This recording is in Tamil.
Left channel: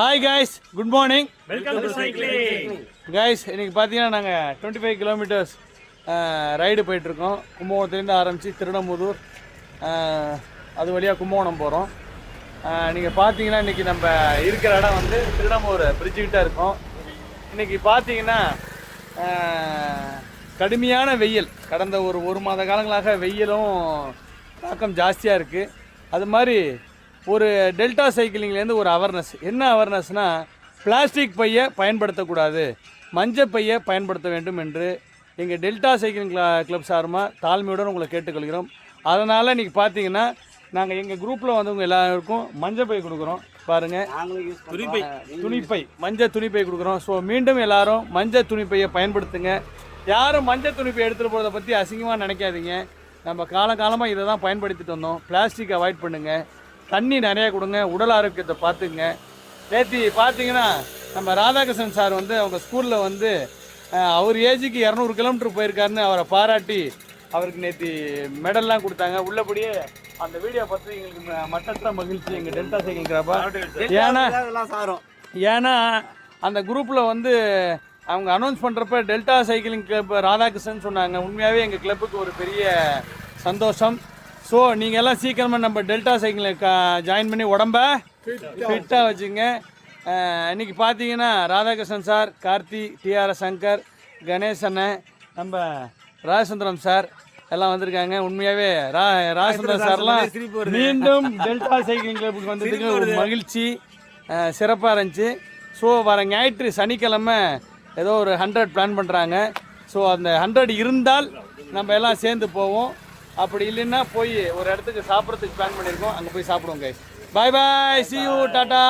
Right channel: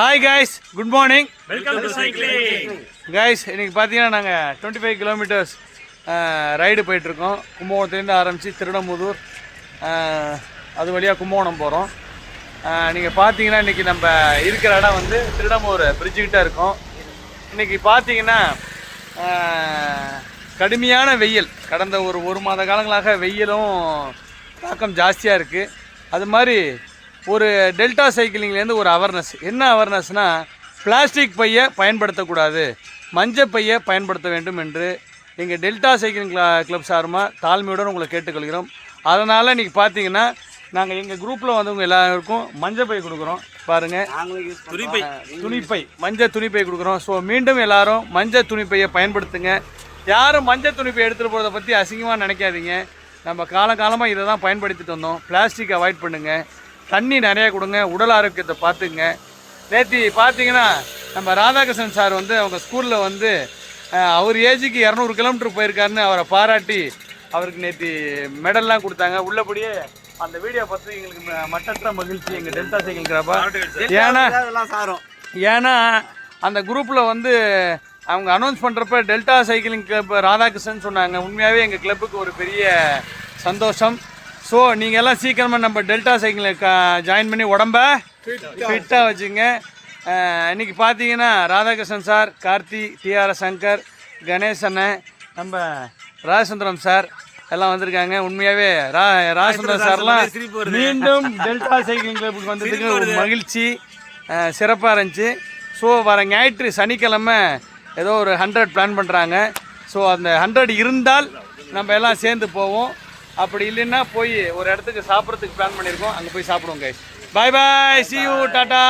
Hi guys, good morning. Welcome to cycling. Guys, இன்னைக்கு பார்த்தீங்கன்னா நாங்கள் 25 கிலோமீட்டர்ஸ் ரைடு போயிட்டுருக்கோம். கும்பகோணத்துலேருந்து ஆரம்பித்து திருடமுதூர், அது வழியாக கும்பகோணம் போகிறோம். நீங்கள் பார்த்தீங்கன்னா இன்றைக்கி நம்ம இருக்கிற இடம் வந்து திருடமுதூர் பிரிட்ஜுக்கிட்ட இருக்கோம். இன்றைக்கி பார்த்தீங்கன்னா கடுமையான வெயில், கடந்த ஒரு மாத காலங்களாக வெயிலும் தாக்கம் ஜாஸ்தியாக இருக்குது. அது மாதிரி ஒரு டெல்டா சைக்கிளிங்லேருந்து ஒரு அவேர்னஸ். என்ன அவேர்னஸ்னால், பிளாஸ்டிக் பையை பயன்படுத்தக்கூடாது, மஞ்சள் பையை பயன்படுத்த வேண்டும் என்று எங்கள் டெல்டா சைக்கிளிங் கிளப் சார்பாக தாழ்மையுடன் உங்களை கேட்டுக்கொள்கிறோம். அதனால் இன்றைக்கி பார்த்தீங்கன்னா நாங்கள் எங்கள் குரூப்பில் வந்தவங்க எல்லாருக்கும் மஞ்சள் பை கொடுக்குறோம். பாருங்கள், துணிப்பை, மஞ்சள் துணிப்பை கொடுக்குறோம். ஸோ மீண்டும் எல்லோரும் மஞ்சள் துணிப்பையை பயன்படுத்துங்க. யாரும் மஞ்சள் துணிப்பை எடுத்துகிட்டு போகிறத பற்றி அசிங்கமாக நினைக்காதீங்க. நம்ம காலகாலமாக இதை தான் பயன்படுத்திட்டு வந்தோம். பிளாஸ்டிக் அவாய்ட் பண்ணுங்கள், தண்ணி நிறையா கொடுங்க, உடல் ஆரோக்கியத்தை பார்த்துங்க. நேற்று பார்த்தீங்கன்னா நம்ம ராதாகிருஷ்ணன் சார் வந்து அவங்க ஸ்கூலில் வந்து அவர் ஏஜுக்கு 200 கிலோமீட்டர் போயிருக்காருன்னு அவரை பாராட்டி அவருக்கு நேற்று மெடல்லாம் கொடுத்தாங்க. உள்ளபடியே அந்த வீடியோ பார்த்து எங்களுக்கு மட்டற்ற மகிழ்ச்சி எங்கள் டெல்டா சைக்கிள் கிளப்பா. ஏன்னா அந்த குரூப்பில் வந்து அவங்க அனௌன்ஸ் பண்ணுறப்ப டெல்டா சைக்கிளிங் கிளப் ராதாகிருஷ்ணன் சொன்னாங்க. உண்மையாகவே எங்கள் கிளப்புக்கு ஒரு பெரிய சந்தோஷம். ஸோ நீங்கள் எல்லாம் சீக்கிரமாக நம்ம டெல்டா சைக்கிளில் ஜாயின் பண்ணி உடம்ப ஃபிட்டாக வச்சுங்க. இன்றைக்கி பார்த்தீங்கன்னா ராதாகிருஷ்ணன் சார், கார்த்தி, டிஆர்எஸ் சங்கர், கணேசன், நம்ம ராஜசந்திரம் சார் எல்லாம் வந்திருக்காங்க. உண்மையாகவே ராஜசந்திரம் சார்லாம் மீண்டும் டெல்டா சைக்கிளிங் கிளப்புக்கு வந்ததுக்கு ஒரு மகிழ்ச்சி, சிறப்பாக இருந்துச்சு. ஸோ வர ஞாயிற்று சனிக்கிழமை ஏதோ ஒரு 100 பிளான் பண்ணுறாங்க. ஸோ அந்த 100 இருந்தால் நம்ம எல்லாம் சேர்ந்து போவோம். அப்படி இல்லைன்னா போய் ஒரு இடத்துக்கு சாப்பிட்றதுக்கு பிளான் பண்ணியிருக்கோம், அங்கே போய் சாப்பிடுவோம் guys. Bye bye, see you, tata.